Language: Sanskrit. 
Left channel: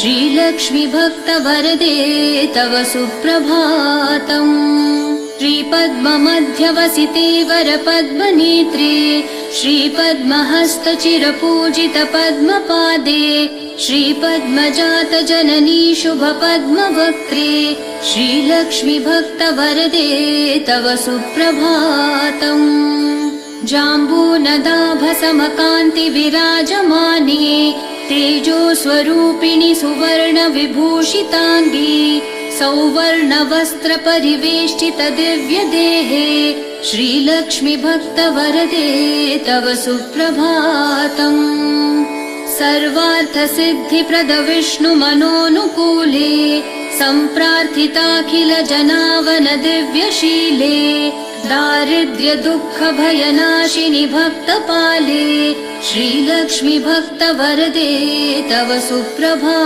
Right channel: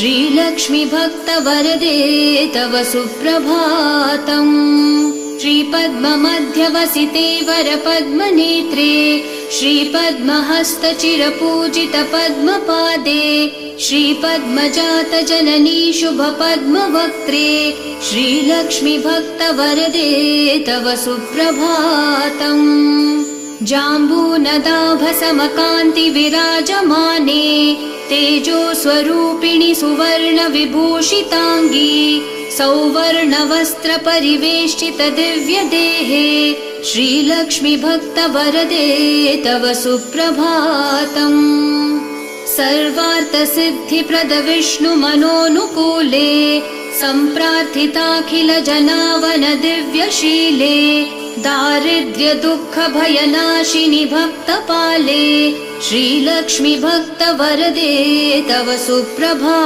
श्रीलक्ष्मी भक्तवरदे तव सुप्रभातम्। श्रीपद्ममध्यवसिते वरपद्मनेत्रे श्रीपद्महस्तचिरपूजित पद्मपादे श्रीपद्मजात जननी शुभपद्मवक्त्रे श्रीलक्ष्मी भक्तवरदे तव सुप्रभातम्। जाम्बूनदाभसमकान्ति विराजमाने तेजो स्वरूपिणि सुवर्ण विभूषिताङ्गी सौवर्ण परिवेष्टित दिव्य देहे श्रीलक्ष्मी भक्तवरदे तव सुप्रभातम्। सर्वार्थ सिद्धिप्रद विष्णु मनोनुकूले सम्प्रार्थिताखिल जनावन दिव्यशीले दारिद्र्य दुःख भयनाशिनि भक्तपाले श्रीलक्ष्मी भक्तवरदे तव सुप्रभातम्।